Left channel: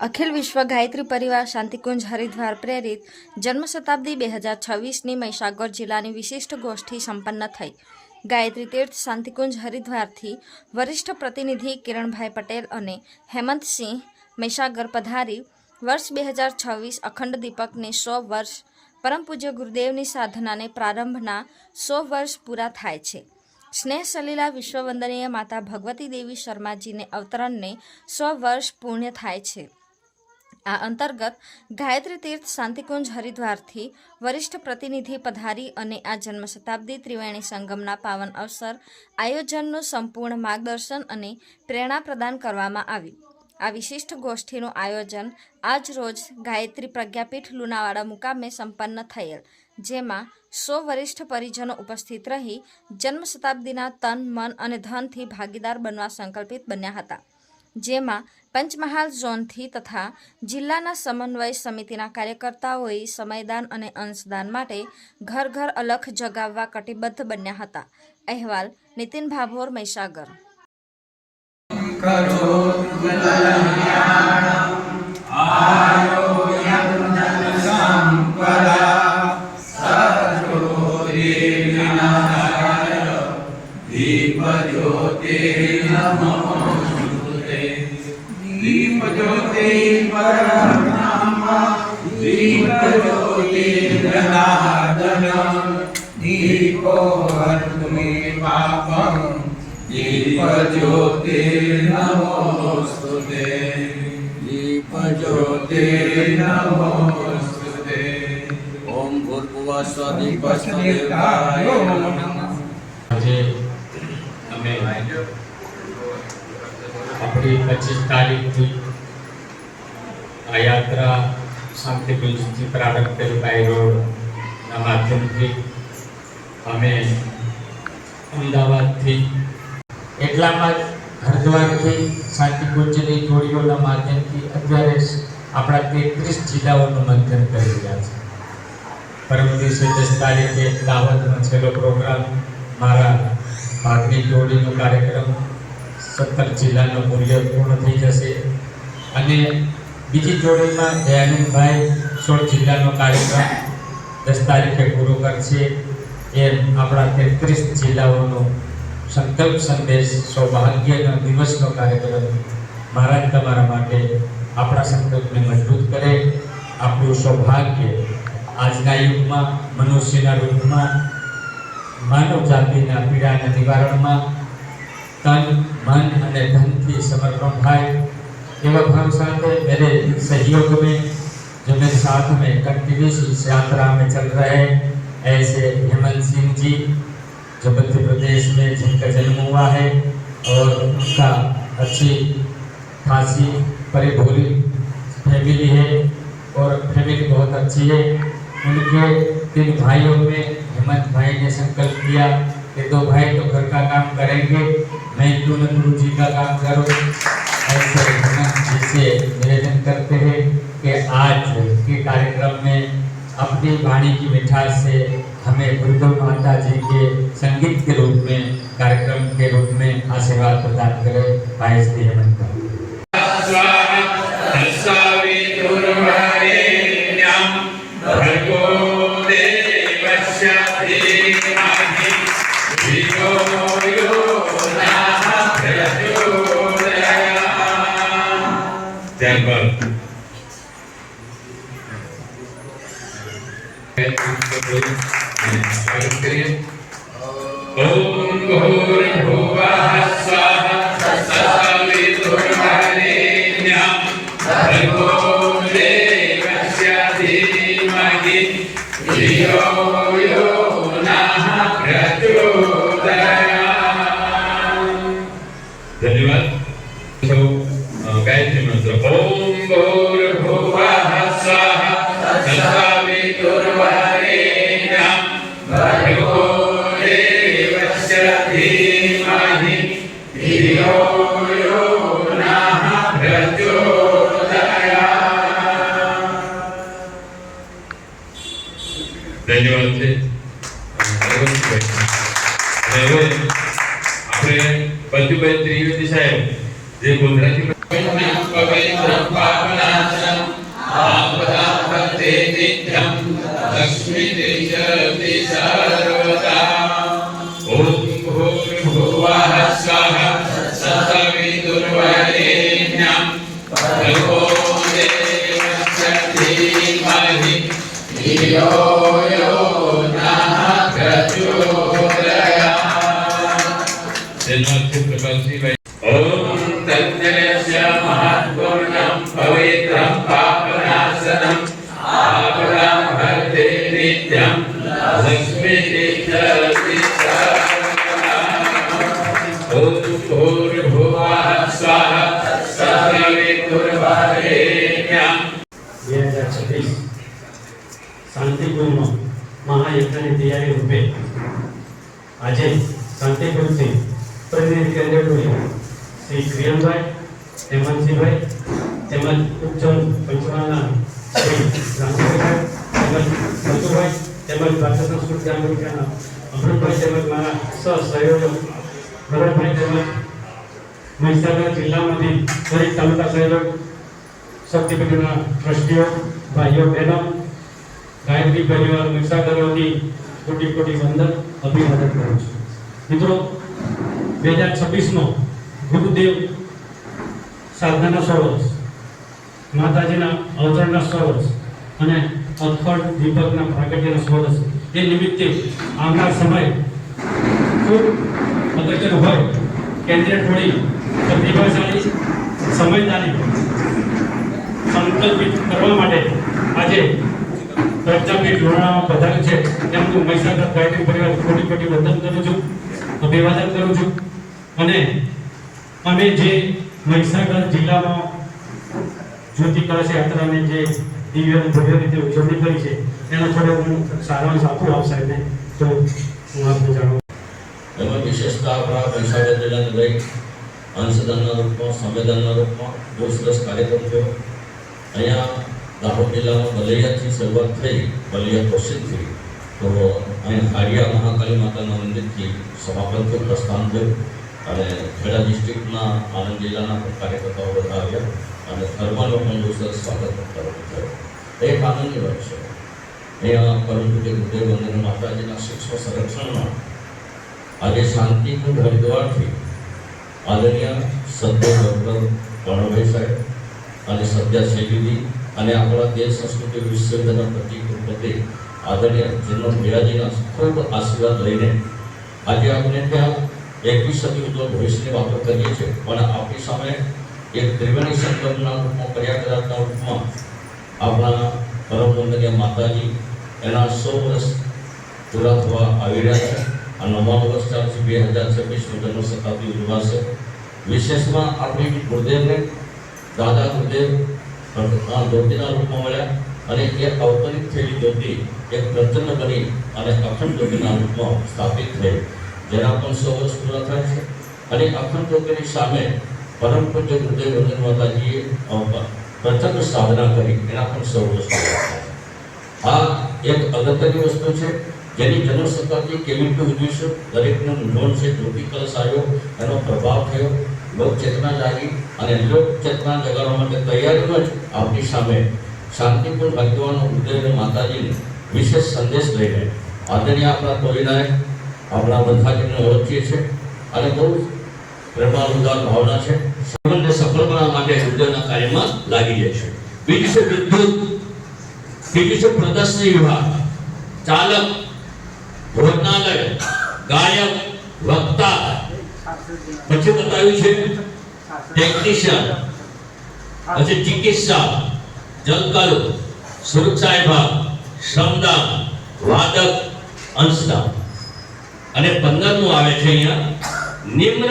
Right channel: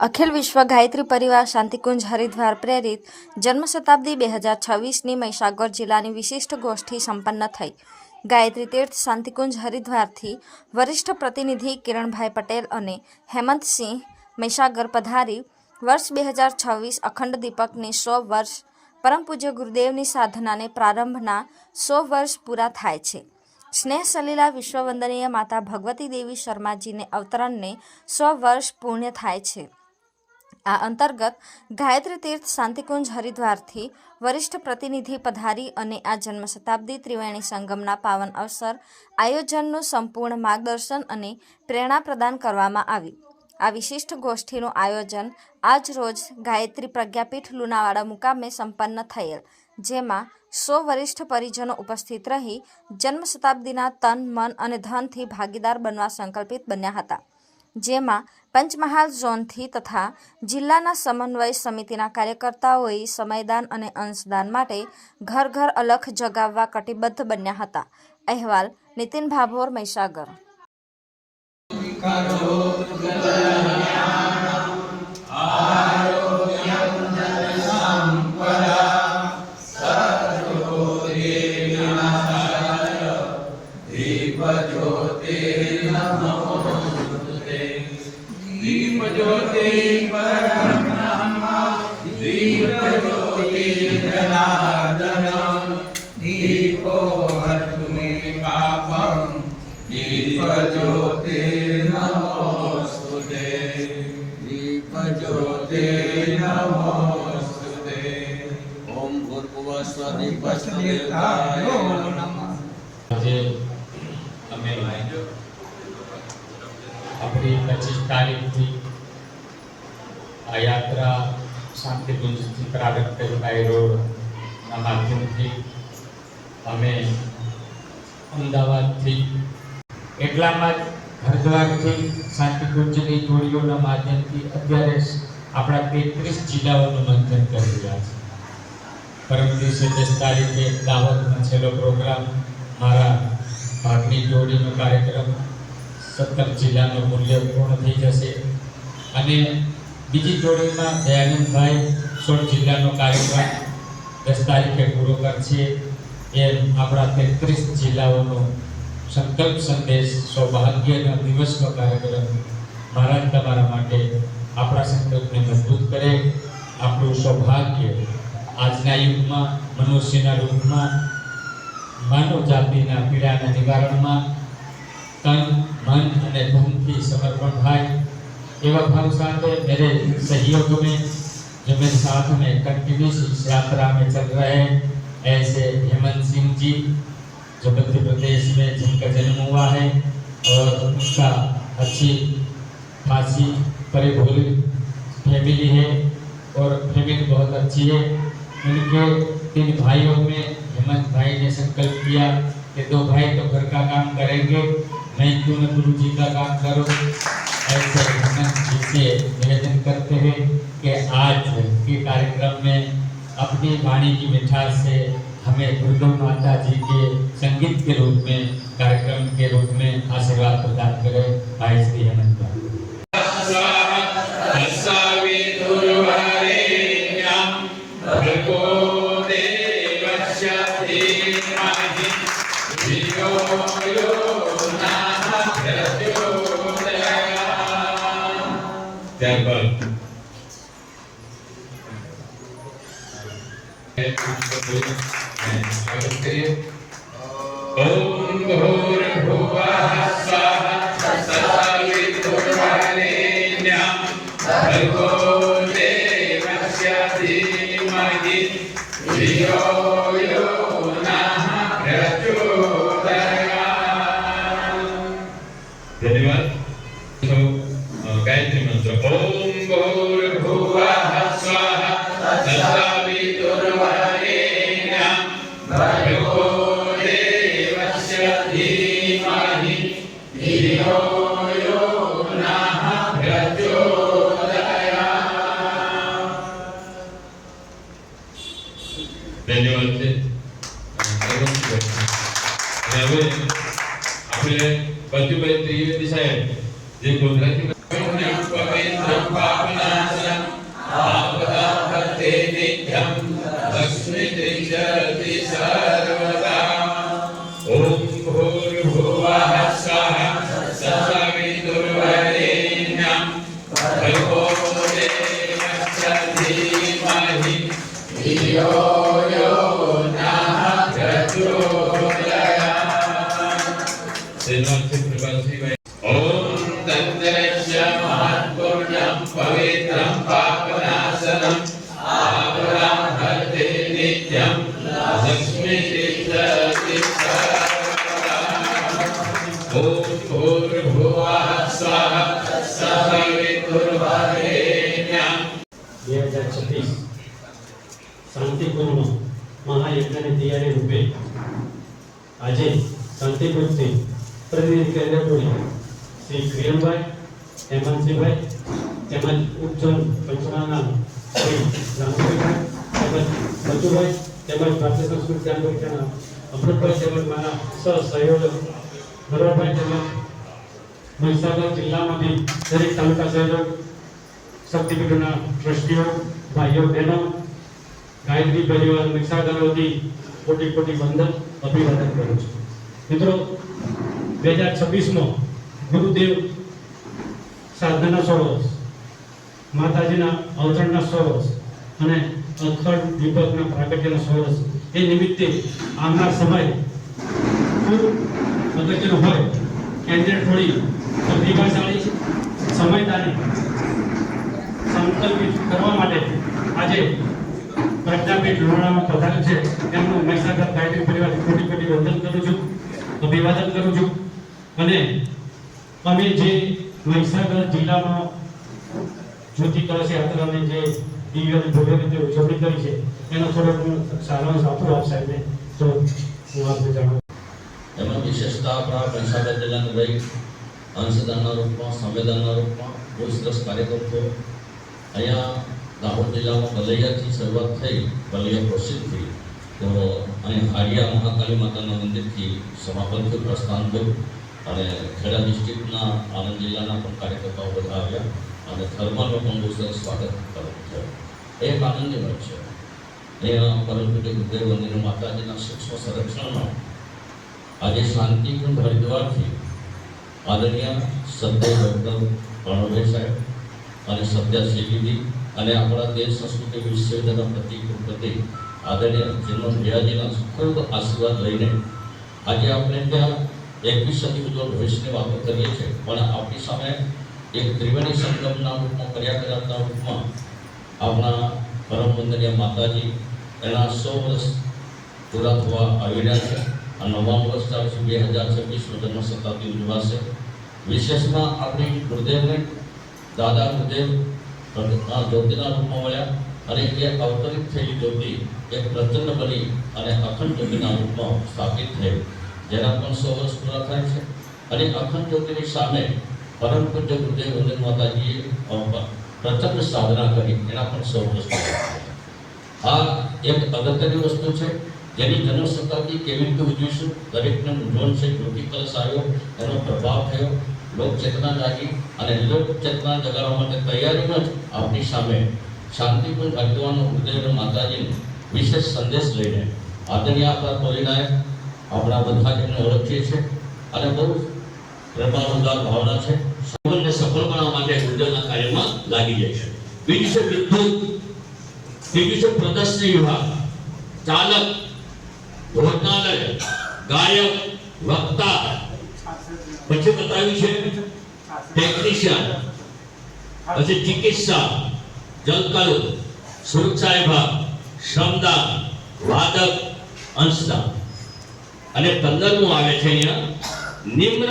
અખિલ વિશ્વ ગાયત્રી પરિવાર શાંતિકુંજ હરિદ્વાર પ્રેરિત જન્મ શતાબ્દી 2026ની મહીસાગર જિલ્લાની વિશિષ્ટ ગોષ્ઠી સંપન્ન થઈ. ગાયત્રી તીર્થ શાંતિકુંજ હરિદ્વારથી વરિષ્ઠ પ્રતિનિધિ કિરણભાઈ પટેલ અને હેમંતસિંહ મહીસાગર પધારી વર્ષ 2026 અખંડ દીપકની 100 વર્ષ પરમ પૂજ્ય ગુરુદેવની સાધનાને પ્રારંભના 100 વર્ષ પૂરા થાય છે. સ્નેહ સલીલા વિશ્વવંદનીય માતા ભગવતી દેવી શર્માજીને અવતરણને 100 વર્ષ પૂર્ણ થાય છે. આ અંતર્ગત ગાયત્રી તીર્થ શાંતિકુંજ હરિદ્વારથી વરિષ્ઠ પ્રતિનિધિ પધારી અને આ જન્મ શતાબ્દી ત્રિવેણી સંગમના પાવન અવસર આયોજનનું સંપૂર્ણ માર્ગદર્શન અને પ્રેરણા પ્રદાન કરવામાં આવ્યું. આ વિશિષ્ટ ગોષ્ઠીનું આયોજન આજ રોજ ગાયત્રી પ્રજ્ઞાપીઠ લુણાવાડા મુકામે સંપન્ન થયેલ, જેમાં 100 વરિષ્ઠ પરિજનો ઉપસ્થિત રહી જન્મ શતાબ્દીના તન, મન અને ધનથી ભાગીદાર બનવા સંકલ્પિત બન્યા હતા. જેમાં પંચમહાલ ઝોનથી તથા જિલ્લાના સમન્વય સમિતિના કાર્યકર્તાઓએ સમયદાન અને અંશદાન માટે ઘર ઘર અલખ જગાવવા કટિબદ્ધ બન્યા હતા. અહેવાલ નીતિન ભાભોર, મહીસાગર. दीप ज्योति परब्रह्म दीप ज्योति जनार्दन दीपो हरतु पापं दीप ज्योति नमोस्तुते दीप ज्योति नमोस्तुते ओम भूर्भुवः स्वः दीपस्देवाय नमः. अपनी 25 तारीखથી આ યાત્રા શાંતિકુંજથી પ્રારંભ કરી બાય રોડના માધ્યમથી અમે અમદાવાદથી એટલામાં જ હરિદ્વારથી શાંતિકુંજની જોડીઓના માધ્યમથી અત્યારે આપણા 33 જિલ્લાઓનું મંથન કરી રહ્યા છે. પરમ દિવસે 10 તારીખે દાહોદમાં છેલ્લો પ્રોગ્રામ, મારા ભાગની જોડીનો કાર્યક્રમ 17 જિલ્લાનો મૂલ્ય પૂર્ણ થઈ જશે અને બીજી જોડીમાં દયાનંદભાઈ 16 જિલ્લાનો કાર્યક્રમ 10 તારીખે પૂરો કરશે. એ આપણા 33 જિલ્લાઓનો સંકલ્પ સંદેશ સૌભાગ્યનો દિવસનો કાર્યક્રમ મહારાજ તમારા માટે આપણા સંકલ્પને મજબૂત કરે. આપણું સૌભાગ્ય આજના યુગમાં મનુષ્યના રૂપમાં માનવ જાતિના પીડાના નિવારણમાં तन, मन અને ધનથી समर्पण થાય एवं भाव साथ मेरे सहयोग में जो मेरे साथ में कंटिन्यूस इस यात्रा में चल रहे हैं, ऐसे हेमंत सिंह जी जो मध्य प्रदेश में जिनका जन्म हुआ है और उनका अच्छी खासी परिभोली फैमिली है और फैमिली बहुत अच्छी है. उनके 3 भाइयों में हेमंत भाई ने संकल्प किया कि 2 भाई तो घर का काम करेंगे, मैं क्यों न गुरु जी का काम करूं. ऐसे हेमंत जी से निवेदन करते हैं कि आज के कार्यक्रम में अपनी वाणी की मिठास से हमें गुरुदेव माता जी के संगीत के रूप में, कार्यक्रम के रूप में आशीर्वाद प्रदान करें. भाई श्री हेमंत भाई. धन्यवाद. गायत्री मंत्र ओम भूर्भुवः स्वः तत्सवितुर्वरेण्यं भर्गो देवस्य धीमहि धियो यो नः प्रचोदयात्. धियो यो नः प्रचोदयात्। ॐ तज्ज्ञस्य महत्पुण्यं पवित्रं पापनाशनम् आकुलं हरते नित्यं लक्ष्मीतीर्थति ॐ भूर्भुवः स्वः सवितुर्वरेण्यम्। 2026 શાંતિપુરમાં મહાયજ્ઞની તૈયારી રૂપે આજે શાંતિપુરથી પ્રતિનિધિ કેન્દ્રનું શ્રી ક્રિયનભાઈ, હેમંતસિંહભાઈ તેમજ ઉપજન પંચમહાલના શ્રી રામભાઈ તેમજ મથુભાઈ તેમજ ભારત સંસ્કૃત જાગૃતિના અમૃતભાઈ તેમજ મારા સહસહયોગીઓ ગૌરવભાઈ તેમજ મહીસાગર જિલ્લામાંથી દરેક તાલુકા સહયોગ શક્તિપીઠોના ટ્રસ્ટીઓ ભાઈઓ બહેનો ગાયત્રી પરિવાર મહીસાગરથી કોટી કોટી વંદન અભિવાદન કરું છું. મિત્રો 2026માં ગુરુદેવ સાધનાના 100 વર્ષ, માતાજીના અવતરણના 100 વર્ષ અને અખંડ દીપકના પ્રાગટ્યના 100 વર્ષ એ નિમિત્તે આવનાર સમય ખૂબ અગત્યનો હોય. કેન્દ્રીય ટોળી પ્રતિભાશાળી સમયદારી સંકલ્પિત કરવા માટે આજે પ્રજાપીઠ લોણામાં પધાર્યું છે. તેમનું મહીસાગર ગાયત્રી પરિવાર કોટી કોટી વંદન કરું છું, અભિવાદન કરું છું. અને અમે જે મહીસાગર જિલ્લામાં જ્યોતિ કળશ યાત્રાને જે દિવ્ય ભવ્ય રીતે ઉજવણી કરી છે એનો થોડો હું સારાંશ આપું આપ સાહેબને, તો હું આપને જાણું. એમાં વિશેષતા આપણા મહીસાગર જિલ્લાને લઈ અંશદાનના રૂપમાં, સંવેદનના રૂપમાં બહુ સરસ કાર્યક્રમ થયો. અહીંયા દાહોદ જિલ્લામાં બલૈયાથી શરૂઆત થઈ, બલૈયા પ્રસિદ્ધ થઈ, તો અહીં હાડિયા મહાકાળી માતાના મંદિરથી સભાપતિનું પ્રસ્થાન થયું અને ખેડા ડિસ્ટ્રિક્ટના આણંદ જિલ્લાના પણ કાર્યકર્તાઓ બધા આવ્યા અને થર્મલનો પણ બહુ સરસ સ્વાગત કરવામાં થયો. એક આનંદની વાત છે. અહીંયા પરમ પૂજ્ય ગુરુદેવ વંદન માતાજીના સૂક્ષ્મ સંરક્ષણમાં આજે શાંતિકુંજ હરિદ્વારથી આદરણીય સદ્ય ડૉક્ટર પ્રણવભાઈ સાહેબ અને સદ્ય શૈલીજી અને આપણા દેશ સંસ્કૃતિ વિશ્વવિદ્યાલયના પ્રતિકૃતિ આદરણીય જન્મ ભૈયાજીના ખૂબ આશીર્વાદ લઈને આજે આપણે ત્યાં 21 સદી ઉજ્જવળ ભવિષ્યની વાતો કરીએ છીએ. પણ આપણી સામે એક ત્રિવેણી સંગમના રૂપમાં, પ્રયાગરાજના રૂપમાં આપણા પરમ વંદનીય માતાજી એના 100 વર્ષ પૂરા થવા આવી રહ્યા છે. આ 99 વર્ષ ચાલશે. 2026 જન્મ શતાબ્દી ઉજવાશે. વિશેષમાં આપણે ગુરુદેવને દાદા ગુરુદેવ જ્યોતિના રૂપમાં મળ્યા અને એ અવતરિત થયેલી જ્યોતિ એક પ્રચંડ બની અને અખંડ જ્યોતિના રૂપમાં સ્થાપિત થઈ, જેના પણ 100 વર્ષ પૂરા થાય છે. અને અખંડ જ્યોતિની સામે પરમ પૂજ્ય ગુરુદેવ વંદન માતાજીએ પ્રચંડ સાધના કરી, એના પણ 100 વર્ષ પૂરા થાય. આ એક અગત્યની વસ્તુ છે જેની જન્મ શતાબ્દી કેવી રીતે ઉજવીશું, દરેકનું મૂંઝવણ છે. જ્યોતિ કલશ આવ્યો, એનો પ્રભાવ થયો, લોક ચેતના જાગી અને લોક ચેતના જગાડવા માટે તૈયારીમાં જ આપણી સામે શાંતિપુર હરિદ્વારનો ગુરુદેવ માતાજીનો વિશેષ સંદેશ લઈને આદરણીય આપણા ટોળીનાયક આપણા બધાજીને ઓળખીએ છીએ અને બહુ કૃપાલુદાર ભાવના છે. જીવનને સફળ બનાવવા માટે ગુરુદેવના કાર્યમાં લાગી જાય છે. બીજું છે વિદ્યુત, ત્રીજું છે પ્રદર્શની વિભાગ, ચાલક, ભોજનાલય, ગાયક, વક્તા, પછી બતાવ્યું છે ટેકનિશિયન, પછી ચિકિત્સા, જલકલ, સુરક્ષા વિભાગ, શ્રમદાન, વાદક, અંશદાન. અને 15મું આવે છે અહીંયા निम्न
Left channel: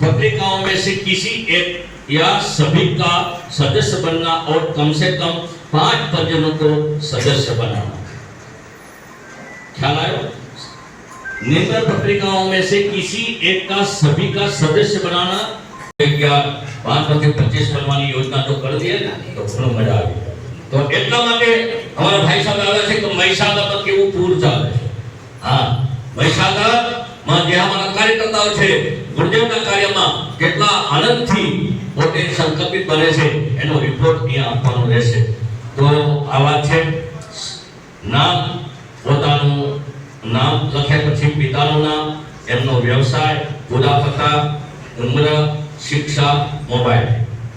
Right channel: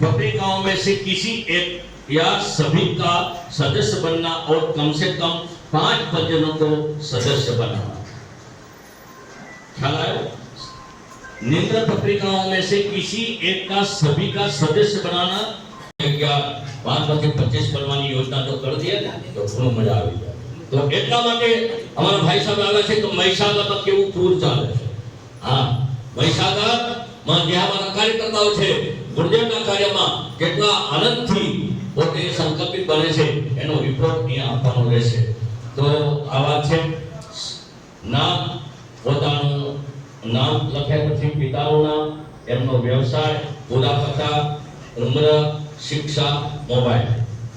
पत्रिकाओं में से किसी एक या सभी का सदस्य बनना और कम से कम 5 परिजनों को सदस्य बनाना. ख्याल आया? निम्न पत्रिकाओं में से किसी एक का सभी का सदस्य बनाना. क्या 5/25 करवानी योजना तो कर दी है ना, तो ઘણો મજા આવી. તો એટલા માટે અમારા ભાઈ સાહેબ આવે છે તો મહીસાગરમાં કેવું પૂર ચાલે છે. હા, મહીસાગરમાં જે અમારા કાર્યકર્તાઓ છે ગુરુદેવના કાર્યમાં કેટલા આનંદથી પોતે સંકલ્પિત બને છે એનો રિપોર્ટ અહીંયા આપવાનો રહેશે. તો આ વાત છે. નામ, પોતાનું નામ લખ્યા પછી પિતાનું નામ, એમનો વ્યવસાય, પૂરા પત્તા, ઉંમર, શિક્ષા, મોબાઈલ.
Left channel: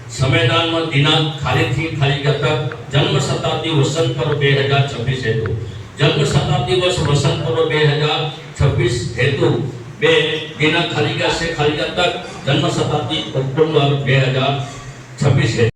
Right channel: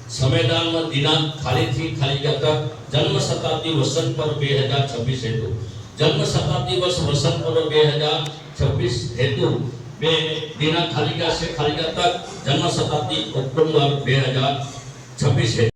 સંવિધાનમાં દિનાંક ખાલીથી ખાલી ગતક, જન્મ શતાબ્દી શતાબ્દી વસંત પર્વ 2026 હેતુ જન્મ શતાબ્દી વર્ષ વસંત પર્વ 2026 હેતુ બે દિનાંક ખાલી ગયા છે ખાલી તક જન્મ શતાબ્દી ઓક્ટોબર 2026 હેતુ